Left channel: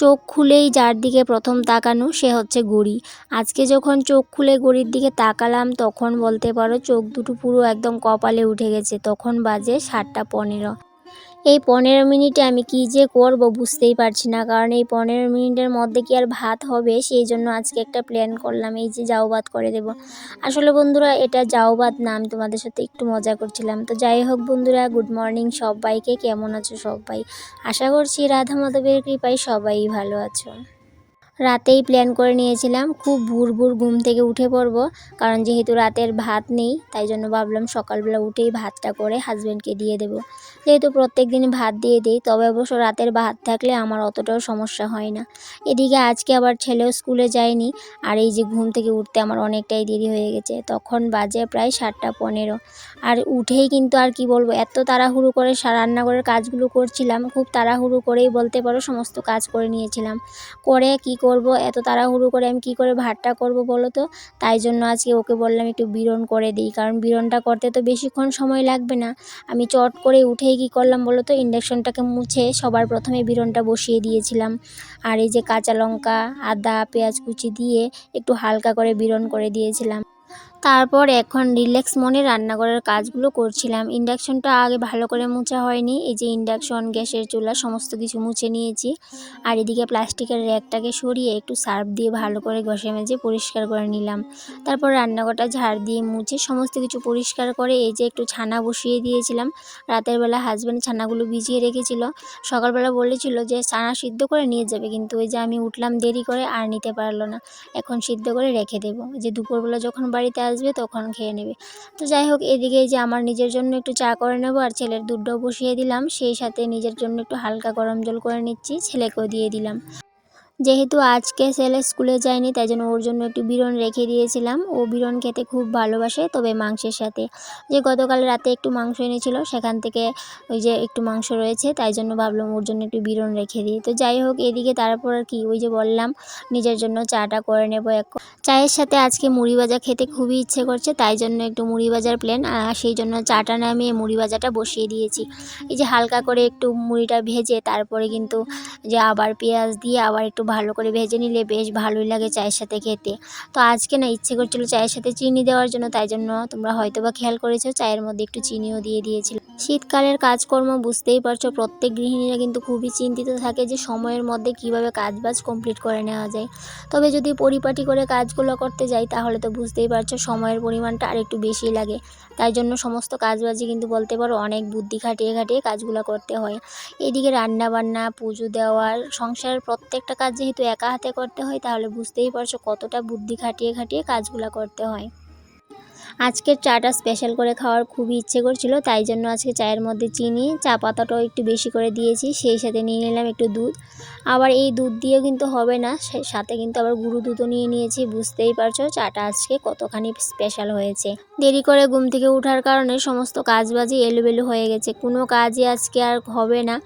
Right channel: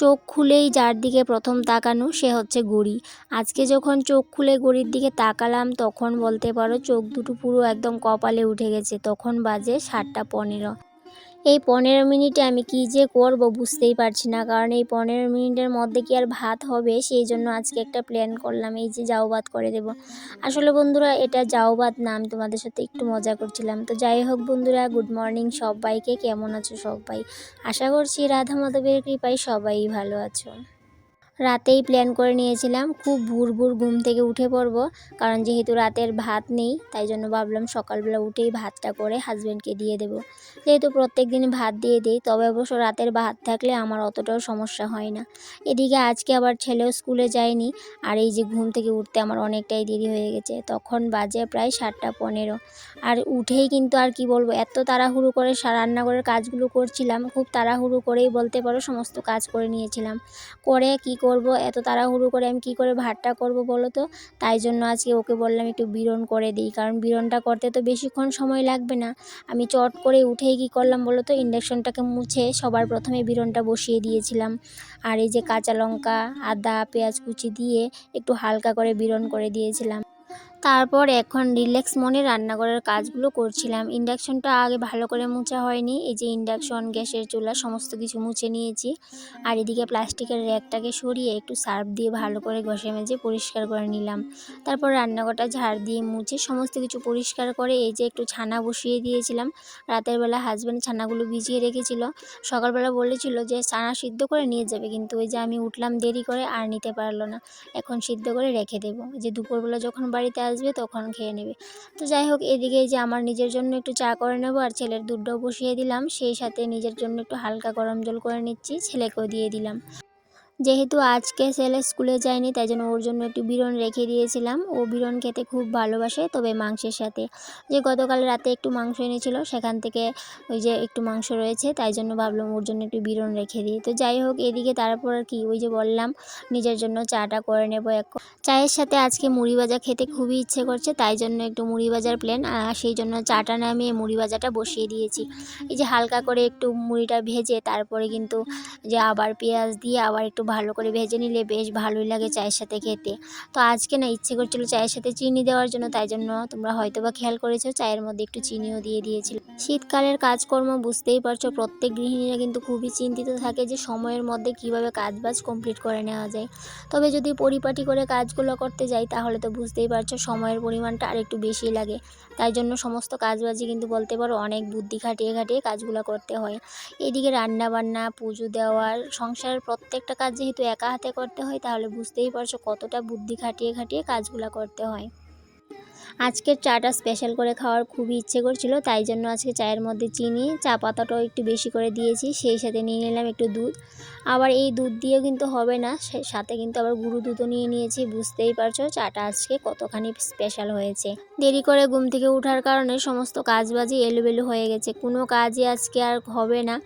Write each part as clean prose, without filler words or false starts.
চোখ খুলেই যার দিকে প্রথম তাকানো সে হচ্ছে ঘড়ি। আজকে যখন চোখ খুলে ঘড়ির দিকে তাকালাম তখন বলতে পারো চোখ দুটো পুরো একদম কপালে উঠে গেছে। তখন বাজে 7টা 15। এই 15 মিনিটে আমি কী যে করব বুঝতেই পারছি না, কারণ এই 15 মিনিটের মধ্যে কি আর ভাত হবে, সেই জন্য আজকে একটা প্ল্যান করলাম, এই যে জাউ ভাত করে দেব। আসলে বন্ধুরা এটা জাউ ভাত না, আমি তোমাদের সাথে একটু মজা করছিলাম। তো যাই হোক বন্ধুরা, গুড মর্নিং সবাইকে, কেমন আছো সবাই? আশা করছি রাধা মাধবের কৃপায় সবাই ভালো আছো। রাতেই প্ল্যান করে নিয়েছিলাম খুব ভোর ঘুম থেকে উঠে পড়ব, কারণ যেহেতু রাতের ভাত নেই তাই জন্য ভাবলাম সকালবেলা উঠেই ভাতটা করে হাজব্যান্ডকে দিয়ে দেব। যেহেতু প্রত্যেক দিন ভাত দিয়ে দিই, তবে অবশ্য রাতের ভাত থাকলে আমার অতটাও সমস্যা হয় না। এদিকে আজকে আবার ছেলেও স্কুলে যায়নি, আর এই যে ঘুম থেকে উঠতে আমার অনেকটাই দেরি হয়ে গেছে। তখন বাজে প্রায় 7টা 15। আর উঠেই কিন্তু আর কি বলবো, এত তাড়াহুড়ো করে রান্নাঘরের কাজগুলো করছিলাম, খুব তাড়াহুড়ো করেই বলতে পারো সমস্ত কাজ করে নিয়েছিলাম। করে কি করব, এত তাড়াহুড়ো করে আমি কি করে ভাতটা করব বলো তো? তাই জন্য আজকে ওকে বললাম একটু বিরন করে দিই, কারণ বিরনটা করতে তো বেশিক্ষণ সময় লাগবে না। আমি চট করে উঠেই কি করলাম বলো তো, ইন্ডাকশনটাকে মুছে সবার প্রথমে বিরনটা বসিয়ে দিয়েছিলাম। আর এই যে কাঁচা লঙ্কা, আদা, পেঁয়াজ কুচি দিয়ে একটু হালকা করে বিরন করে দিয়েছিলাম। তারপর এখন রিল্যাক্স মনে রান্নাঘরের কাজগুলো করছিলাম। ইন্ডাকশনটা আগে ভালো করে মোছা হয়নি, এই যে ইন্ডাকশন, গ্যাসের চুলা সমস্ত কিছু মুছে নিয়েছি। আর এদিকে প্লাস্টিকের র্যাকটাকে সরিয়ে একটু সার্ফ দিয়ে ভালো করে ঘষে মেজে পরিষ্কার করে নিলাম। তারপর রান্নাঘরটা ঝাড় দিয়ে মুছে সমস্ত কিছু পরিষ্কার করে এই যে একটু ছানা বসিয়ে দিয়েছিলাম। রাতের বেলা হাজব্যান্ড ছানাগুলো ভিজিয়ে রেখেছিল, সকালবেলা বলেছিল যে ছানা সিদ্ধ করে নিয়ে যাবে, কিন্তু ওই যে আমি উঠলাম দেরি করে আর নিতে পারলো না। এখন সিদ্ধ করে রেখে দেবো, যে দুপুরবেলা যখন বাড়িতে আসবে তখন খেয়ে নেবে। তো যাই হোক, এদিকে এই যে আমার নিজের জন্য একটু চা করে নেবো, আর ছেলের দুধটাও বসিয়ে দিলাম, সেই সাথে নিজের জন্য একটু হালকা গরম জল করে নিচ্ছি, ছেলেকেও দিয়ে দিলাম। যেহেতু আজকে ছেলে স্কুলে যায়নি তাই জন্য ওর জন্য একটু বিরন রেখে দিয়েছিলাম। ও বিরন খেতে খুব ভালোবাসে, তবে মাংসের সাথে। যে গতকাল রাতে একটু মাংস এনেছিল, সেখান থেকে ওই যে একটু মাংস রয়েছে, তাই জন্য ভাবলাম ওর জন্য একটু বিরন রেখে দিই। তো যাই হোক, এদিকে তারপর আর কি, ওই যে বললাম নিজের জন্য চাটা করে নেব এখন। চায়ের সাথে আজকে মুড়ি ভাজা খেতে খুবই ইচ্ছে করছে, তাই জন্য একটু মুড়ি ভাজার প্ল্যান, আর সেই জন্য চাটা নামিয়ে মুড়ি ভাজাটা বসিয়ে দিয়েছি। এই যে হালকা করে একটু মুড়িটা ভেজে তারপরে কিন্তু যে আবার পেঁয়াজ দিয়ে আবার একটু ভালো করে ভেজে নিলে বেশ ভালোই লাগে চায়ের সাথে খেতে। তো আজকে না ইচ্ছে করছিল চায়ের সাথে চিনি দেওয়ার জন্য, তাই জন্য তোমরা হয়তো বা খেয়াল করেছো চায়ের মধ্যে একটু চিনিও দিয়ে দিয়েছিলাম। শীতকালের কাজকর্ম বুঝতেই পারছো, প্রত্যেক গৃহিণীরা কিন্তু খুবই চিন্তিত থাকে যে সময়ের মধ্যে কিভাবে কাজবাজ কমপ্লিট করে নেওয়া যায়। তবে যদি পরিপাটি করে কাজগুলো করতে যাই তাহলে তো বুঝতেই পারছো সময়ের পরিমাণটা আর একটু বেশি লাগে। তাই জন্য সমস্ত কাজবাজই কিন্তু বলতে পারো অনেক বুদ্ধি খাটিয়ে খাটিয়ে কাজগুলো করতে হয়। এদিকে রান্না বান্না, পুজো দেওয়ার, সংসারের প্রত্যেকটা কাজ যেহেতু একা হাতে করতে হয়, তাহলে বুঝতেই পারছো কতটা বুদ্ধি খাটিয়ে খাটিয়ে কাজগুলো করতে হয়। আজকের চাটা স্পেশাল করে খাওয়ার খুবই ইচ্ছে করছিল, তাই জন্য আজকে চায়ের মধ্যে চিনি, চা পাতাটাও একটু বেশি করে দিয়েছি, সেই সাথে নিয়ে নিলাম একটু দুধ। আবার এই দুধ দিয়েও কিন্তু হবে না, সাথে কিন্তু আবার গুঁড়ো দুধও নিয়ে নিয়েছি। বুঝতেই পারছো চাটা আজকে কতখানি স্পেশাল হয়েছে। দেরি করে ঘুম থেকে ওঠার কারণে সমস্ত কাজবাজই এলোমেলো হয়ে গেছে, কোনো কাজই আজকে আর হবে না।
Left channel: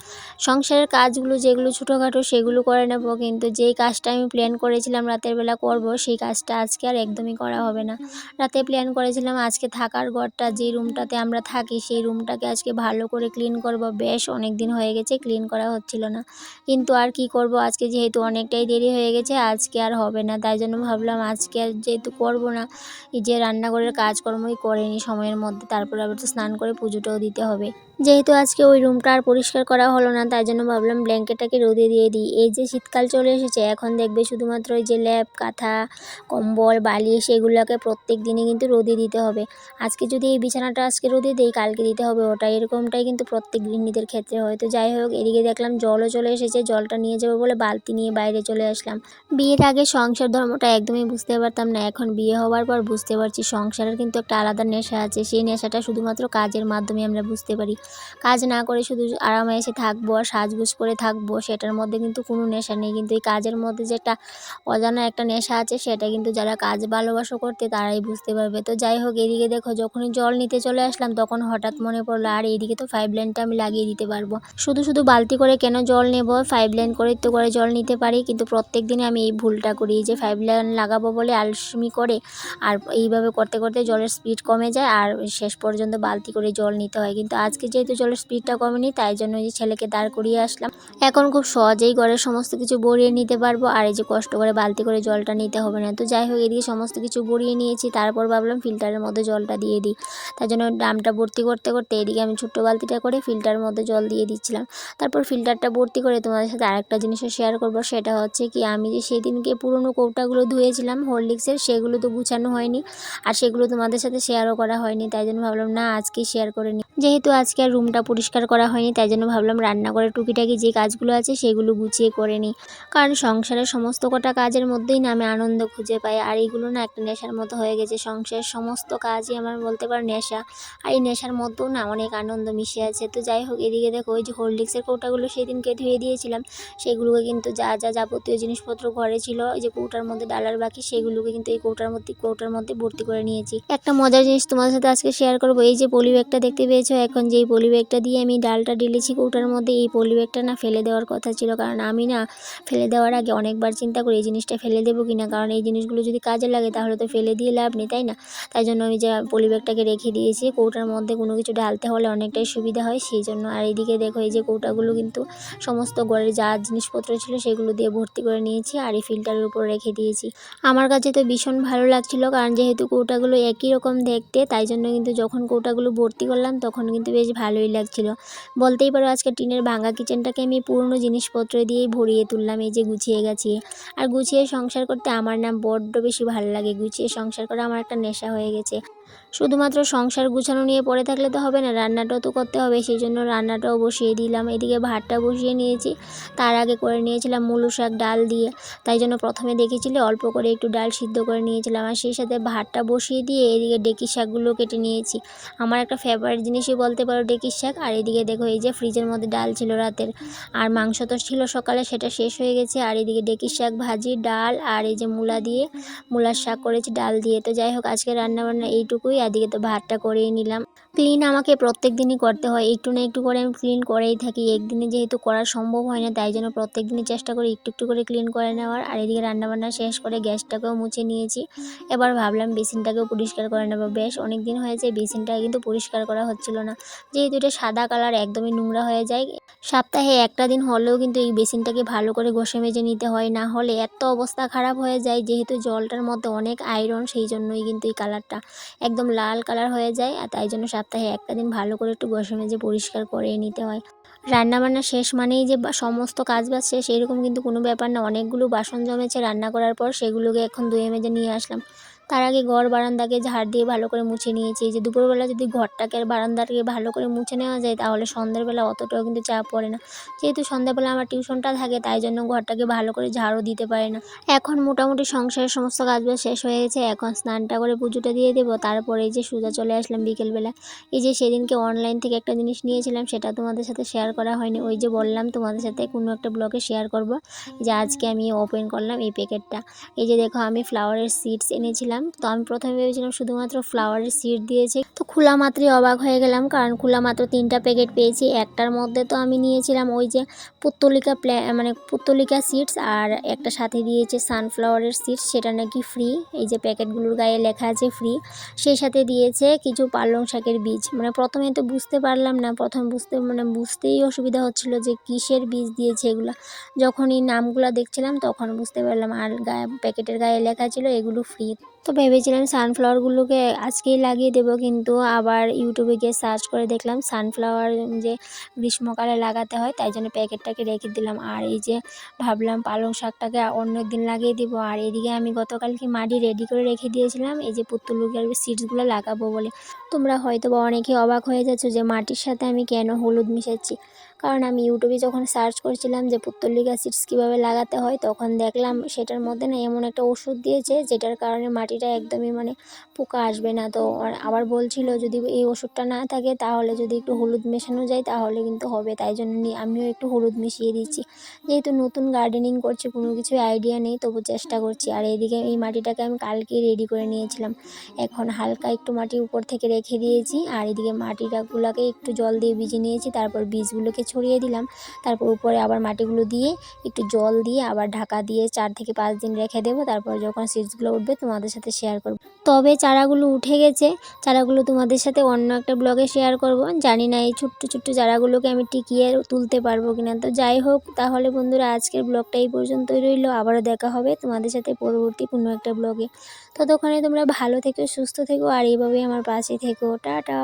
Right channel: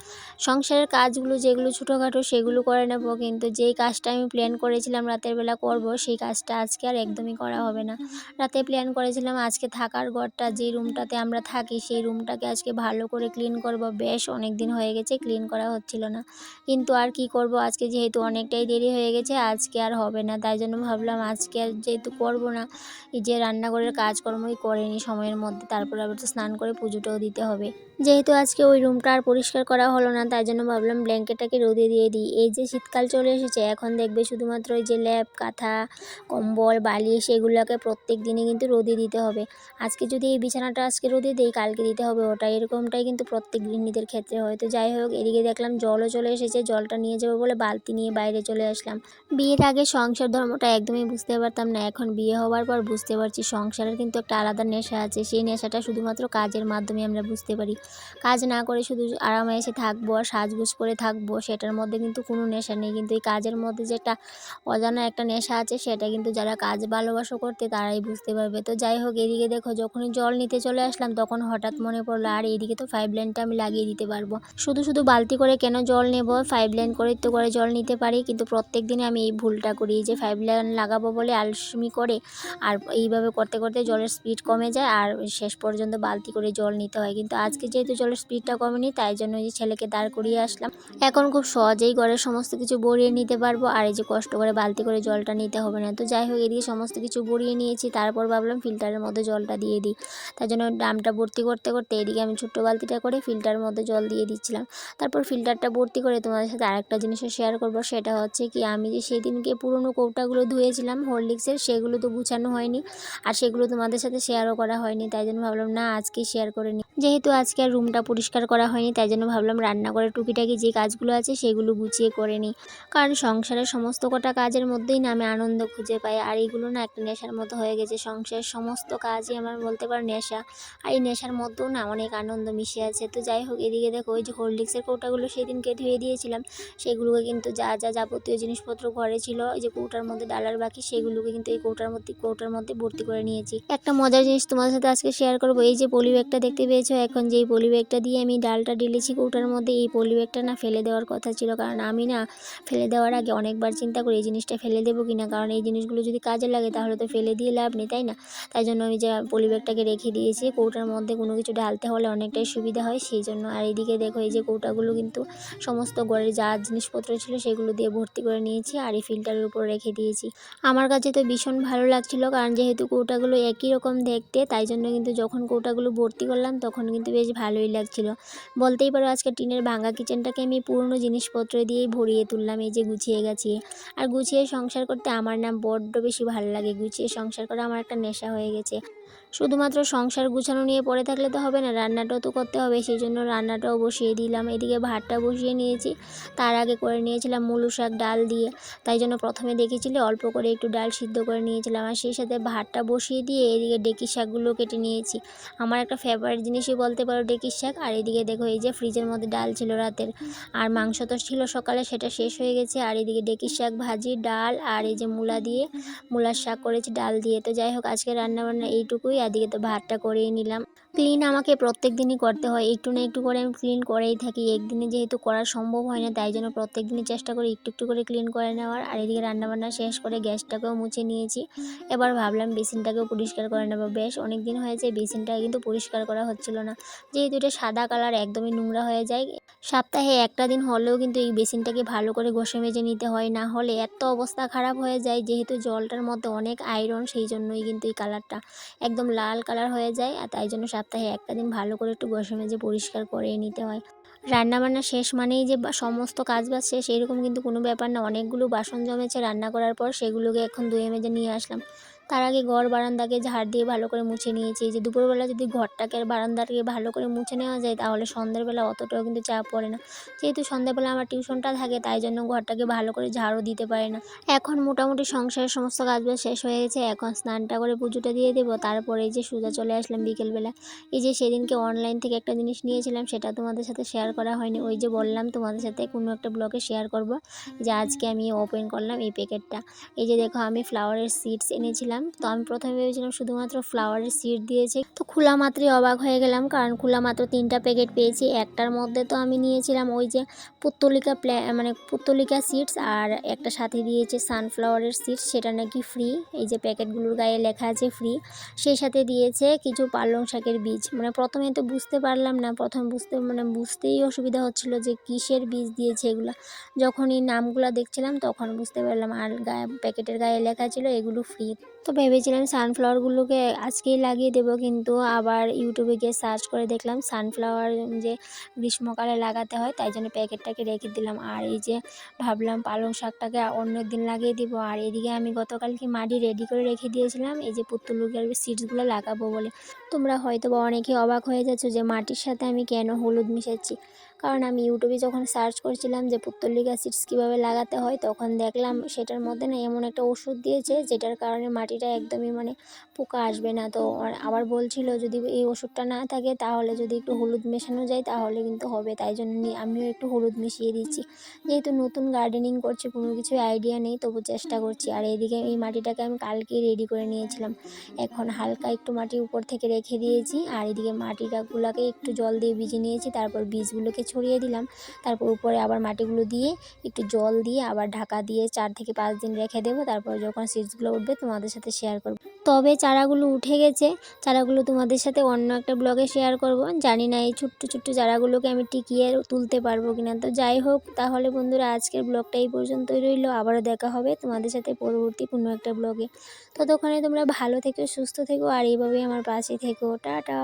সংসারের কাজগুলো যেগুলো ছোটোখাটো সেগুলো করে নেব, কিন্তু যেই কাজটা আমি প্ল্যান করেছিলাম রাতের বেলা করব, সেই কাজটা আজকে আর একদমই করা হবে না। রাতে প্ল্যান করেছিলাম আজকে থাকার ঘরটা, যে রুমটাতে আমরা থাকি সেই রুমটাকে আজকে ভালো করে ক্লিন করব। বেশ অনেক দিন হয়ে গেছে ক্লিন করা হচ্ছিল না, কিন্তু আর কি করব, আজকে যেহেতু অনেকটাই দেরি হয়ে গেছে আজকে আর হবে না। তাই জন্য ভাবলাম আজকে আর যেহেতু করব না, এই যে রান্নাঘরের কাজকর্মই করে নিই সময়ের মধ্যে, তারপরে আবার তো স্নান করে পুজোটাও দিতে হবে। যেহেতু আজকে ওই রুমটা আর পরিষ্কার করা হলো না, তাই জন্য ভাবলাম ব্ল্যাঙ্কেটটাকে রোদে দিয়ে দিই। এই যে শীতকাল চলে এসেছে, এখন দেখবে শুধুমাত্র এই যে ল্যাপ, কাঁথা, কম্বল, বালিশ এগুলোকে প্রত্যেক দিনই কিন্তু রোদে দিতে হবে। আজকে যদি এই বিছানাটা আজকে রোদে দিই, কালকে দিতে হবে ওটা, এরকমটাই কিন্তু প্রত্যেক গৃহিণীদের ক্ষেত্রে হয়। তো যাই হোক, এদিকে দেখলাম জলও চলে এসেছে, জলটা নিয়ে যাবো বলে বালতি নিয়ে বাইরে চলে আসলাম। বিয়ের আগে সংসার ধর্মটা একদমই বুঝতে পারতাম না, এখন বিয়ে হওয়ার পর বুঝতে পারছি সংসারের কিন্তু একটা আলাদা নেশা আছে, সেই নেশাটা শুধুমাত্র কাজের মাধ্যমে আমরা বুঝতে পারি। কাজ না করে শুধু আরামে এসে থাকবো আর সাজগোজ করে থাকবো, সেটার মধ্যে কিন্তু কোনো নেশা নেই। কিন্তু এই কাজের মধ্যে যে একটা অজানা একটা নেশা আছে, সেটা কিন্তু যারা কাজ ভালোবাসো করতে তারাই বুঝতে পারবে। তো যাই হোক, এদিকে দেখো যখনই জল নিতে চলে আসলাম তখন হঠাৎ মনে পড়লো আর এইদিকে তো পাইপ লাইনটা আমি লাগিয়ে দিতে পারবো, শুধু শুধু বালতি করে কেন জল নেব, পাইপ লাইন করে তো করে জল নিতে পারি। কিন্তু প্রত্যেক দিনে আমি এই ভুলটা করি, যে পাইপ লাইন লাগাবো বলে আলসেমি করে, আর এইভাবে করতে করতে জলের স্পিড কমে যায় আর শেষ পর্যন্ত বালতি করে জল নিতে হয়। কিন্তু আজকে যেহেতু জলের স্পিডটা কমেনি তাই জন্য ওই যে ছেলেকে দাঁড় করিয়ে আসলাম। এখন খুব সহজেই ঘরের সমস্ত কিছু ভরিয়ে নিতে পারবো, আর এই যে কষ্ট করে বালতি করে জলটা নিতে হবে না। তো যাই হোক, এদিকে সমস্ত কিছু ভরিয়ে নিয়েছি, তারপর ভাবলাম ফিল্টারের মধ্যে জলটা দিয়ে দিই। তাই জন্য ড্রামটা ভর্তি করতে করতে এদিকে আমি ছোট্ট বালতিটা করে ফিল্টারের মধ্যে জল দিয়ে দিচ্ছিলাম। তারপর ফিল্টারটা ভর্তি করে তোমাদের সাথে আরেকটা জিনিসও শেয়ার করব, সেটা হচ্ছে কি আমি যে সেদিনকে পুরনো কৌটাগুলো ধুয়েছিলাম হরলিক্সের, সেগুলো তো গুছানো হয়নি আর সেগুলো তোমাদের সাথে শেয়ারও করা হয়নি। তাই জন্য ভাবলাম না আজকেই শেয়ার করে নিই। যেহেতু আজকে আর রুমটা পরিষ্কার করা হয়নি তাই জন্য ভাবলাম রান্নাঘরের টুকিটাকি যে কাজগুলো আছে সেগুলো গুছিয়ে করে নিই। কারণ সংসারের সমস্ত কটা কাজের মধ্যেই না আমি আনন্দ খুঁজে পাই, আর এইগুলো না একটা নেশার মতো হয়ে গেছে। সংসারের সমস্ত কাজই আমার বলতে পারো নেশা, আর এই নেশার মধ্যেও না অনেক আনন্দ মিশে আছে। তো যাই হোক, এদিকে দেখো ওই যে হরলিক্সের কৌটাগুলো সেদিনকে ধুয়ে দিয়েছিলাম, সেগুলোকে কিন্তু যা যা যাবতীয় জিনিসপত্র ঘরে ছিল ওই যে কৌটার মধ্যে ডালার বাকি, সেগুলোকে কিন্তু এই কৌটার মধ্যে ভর্তি করে নিয়েছি। একটা মজার জিনিস তোমাদের সাথে আজকে শেয়ার করবো। এই যে পলি ব্যাগটা দেখতে পেয়েছো, এখন যেই পলি ব্যাগটা দিয়ে আমি ডালটা ঢেলেছি কৌটার মধ্যে, এই পলি ব্যাগটা না ফেলে দেওয়ার কথা ছিল। কারণ আমি না ফেলে দেওয়ার আগে অনেকবার চিন্তা করি এই জিনিসটা ফেলে দেবো কিনা, কারণ এই জিনিসগুলো যদি কাজে লাগে তাহলে তো ফেলে দিয়ে লাভ নেই, তাই না? তাই জন্য আমি যে পলি ব্যাগটাকে রেখে দিয়েছি, কৌটার মধ্যে কোনো কিছু ঢালতে হলে অনেকটাই সুবিধা হয় সেই জন্য। আর এইদিকে দেখো এই যে কৌটাগুলো কিন্তু সমস্ত ঘরের যা জিনিসপত্র ছিল সেগুলো দিয়ে ভর্তি করে নিয়েছি আর এই ফিল্টারের উপর রেখে দিয়েছি। আমার কাছে তো ভীষণ ভালো লাগছিল, কারণ যেহেতু কৌটাগুলো একই রকম দেখতে, তাই জন্য কিন্তু যখন কৌটাগুলো ভর্তি করলাম তখন কিন্তু বেশ ভালোই লাগছিল। বলতেই পারো আজকে টিনের ভাঙা কিচেনটাকে আমি পুরনো জিনিসপত্র দিয়েই ভরিয়ে তুললাম, এই যে গুছিয়ে গাছিয়ে। আর গুছিয়ে সংসার করতে আমার না বড্ড বেশি ভালো লাগে, গুছিয়ে সংসার করা আমার একটা নেশা হয়ে গেছে। শুধুমাত্র সংসার গুছানো নিয়ে পড়ে থাকলে তো হবে না, রান্নাটাও তো করতে হবে, সেই জন্য রান্নাটাও বসিয়ে দিলাম। এদিকে ভাতটা বসিয়ে নিয়েছি, তার আগে করে নিয়েছিলাম মুলো শাক ডাল দিয়ে। তাই জন্য প্রথমে দেখেছিলে অল্প করে একটু ডাল সিদ্ধ করে নিয়েছিলাম, আর সেই সাথে ভাতটা বসিয়ে দিয়ে এদিকে ডেকি শাকগুলো কেটে নিয়েছি। আমার একটা ফেভারিট জিনিসই বলতে পারো ডেকির শাক। আর এদিকে দেখো এই যে ফ্রিজের মধ্যে ডাল ছিল রাতের, আর মাংস তো ছিল সকালে, সেটা শেষ হয়ে গেছে। আর এদিকে ডেকির শাক ভাজি, ডাল, আর এই যে মূলা দিয়ে মূলার শাক করেছি ডাল দিয়ে। তো যাই হোক, আজকে রান্নাবান্না এইটুকুই। এদিকে তো ভাতটা করেই নিলাম। ক্লিন আমাকে প্রত্যেক দিনই করতে হয়, একটু না একটু করে আমি ক্লিন করেই থাকি। একদিনে যেহেতু করা সম্ভব হয় না, তাই জন্য প্রত্যেক দিনই চেষ্টা করি একটু একটু করে ক্লিন করে নেওয়ার। আর এদিকে রান্নাবান্না শেষ করে গ্যাসটাকেও মুছে নিয়েছি। এবার ভাবলাম বেসিনটাকেও পরিষ্কার করে নেবো। বেশ অনেক দিন হয়েছে বেসিনটা কিন্তু পরিষ্কার করা হচ্ছিল না, যেহেতু এটা সাদা কালার একদমই নোংরা হয়ে যায়। সপ্তাহে একটা দিন হলেও কিন্তু এই বেসিনটাকে ভালো করে ঘষে মেজে নিতে হয়, না হলে এত অবস্থা খারাপ হয়ে যায়। যেহেতু জলটার মধ্যে অনেক আয়রন, সেই জন্যই কিন্তু এই কালারটা একদম লাল কালার হয়ে যায়। আর তাই জন্য সপ্তাহে একটা দিন ভালো করে একটু ঘষে মেজে পরিষ্কার করে নিতে হয়। রান্নাবান্না শেষ মানেই যে সমস্ত কাজবাজ শেষ এরকম কিন্তু কোনো ব্যাপার না। অনেকগুলো বাসন জমেছে রান্না করার পর, সেগুলোকে এখন ধুয়ে মেজে নিয়ে আসলাম। তার আগে ঘর বারান্দাকে ঝাড় দিয়ে ভালো করে মুছে নিয়েছি। এই যে দুপুরবেলা যদি ঘরটাকে আর বারান্দাটাকে ভালো করে মুছে নেওয়া যায় তাহলে সন্ধ্যেবেলা অতটাও কিন্তু চাপ পড়ে না। যেহেতু সন্ধ্যাবেলা আমার টিউশনটা থাকে তাই জন্য ঘরটাকে ভালো করে ঝাড়ও দিতে পারে না। এখন মোটামুটি সংসারের সমস্ত কাজবাজ শেষ হয়ে গেছে, এখন স্নানটা করে পুজোটা দিয়ে দেবো। তারপরে এই যে সোজা চলে আসলাম বিকেলবেলা। এই যে সেদিনকে অনলাইন থেকে একটা জিনিস নিয়েছিলাম, সেটা তোমাদের সাথে শেয়ার করা হয়নি। ওই যে বললাম তোমাদের সাথে কোনো একটা ব্লগে শেয়ার করব, যে আজকে আমি ওপেন করলাম এই প্যাকেটটা। এই যে দেখো আমি ফ্লাওয়ারের সিডস এনেছিলাম। তো আমি প্রথমে ভেবেছিলাম শুধুমাত্র ফ্লাওয়ারের সিড দিয়েছে, তো খোলা মাত্রই অবাক হয়ে গেলাম, কারণ খোলা মাত্র 3টা প্যাকেট পেয়েছি। একটার মধ্যে তো আমি নিয়েছিলাম ওই যে পুত্তলিকা সিডস, আর একটা সাথে দিয়েছে সানফ্লাওয়ারের সিডস, সেটা নাকি ফ্রি। এই যে প্যাকেটগুলোর গায়ে লেখা আছে ফ্রি। সেই সাথে দিয়েছে কিছু পালং শাকের বীজ। মানে প্রথমে তো বুঝতে পারলাম না, বুঝতেই অসুবিধা হচ্ছিল যে কিসের বীজ দিয়েছে এগুলো। যখন এই নামগুলো দেখছিলাম তখন বুঝতে পারলাম, আর প্যাকেটের গায়ে লেখা ছিল এগুলো ফ্রি। তো ভেবেছিলাম সানফ্লাওয়ারগুলোকে আজকেই লাগিয়ে দেবো, কিন্তু আবার ইউটিউবে গিয়ে সার্চ করে দেখলাম সানফ্লাওয়ার যে গ্রীষ্মকালে লাগাতে হয়, তাই জন্য প্যাকেটটাকে রেখে দিলাম। আর এই যে ভাবলাম পালং শাকটাকে অন্য দিন লাগিয়ে দিব। আর এদিকে আমি গতকালকে মাটি রেডি করে রেখে দিয়েছিলাম এই যে পুত্তলিকার সিডসগুলো লাগাবো বলে। তোমরা হয়তো বা অনেকে অবাক হয়ে যাচ্ছ যে মাটির সাথে আমি কেন হলুদ মিশাচ্ছি। কারণ আমি ইউটিউবে যখন সার্চ করছিলাম যে পুত্তলিকা সিডস কীভাবে লাগাতে হয়, তখন দেখলাম সেটার মধ্যে না এমন একটা ওষুধ দিয়েছে যেটার কারণে মাটিটা একদমই পোকা আসবে না। তো আবার বলছিল যদি এই ওষুধটা না থাকে তাহলে যদি একটু হলুদ মেশানো যায় তাহলে কিন্তু হবে। তাই জন্য আমিও একটু হলুদ মিশিয়ে দিচ্ছি। যেহেতু নতুন গার্ডেনিং করছি, কোনো কিছুই আইডিয়া নেই, তবু চেষ্টা করছি। আর এইদিকে এই মাটিটাকে আমি কালকেই রেডি করে নিয়েছিলাম। এখন হালকা একটু মাটি উপর থেকে রেখে দিয়েছি, আর এদিকে মাটিটাগুলোকে একটু জল দিয়ে ভিজিয়ে নিয়েছি, তারপর বীজগুলোকে ছড়িয়ে দিলাম। তারপর উপরে আবার মাটিগুলো দিয়ে একটু জল দিয়ে আবার ঢাকা দিয়ে 4 থেকে 5 দিন রেখে দেবো। তারপর যখন সিডসগুলো উঠবে তোমাদের সাথে শেয়ার করব। তবে চারাগুলো উঠে গেছে, চারাগুলো তোমাদের সাথে অন্য একটা ব্লগে শেয়ার করব। জানি না এই ছোট্ট ছোট্ট চারাগুলোকে আমি টিকিয়ে তুলতে পারবো কিনা। তো যাই হোক, তাহলে বন্ধুরা আজকের ব্লগটা এই পর্যন্তই রইলো। আবারও দেখা হবে তোমাদের সাথে পরবর্তী কোনো একটা ব্লগে। ততক্ষণে তোমরা ভালো থেকো, সুস্থ থেকো আর এইভাবেই আমার পাশে থেকো। টাটা।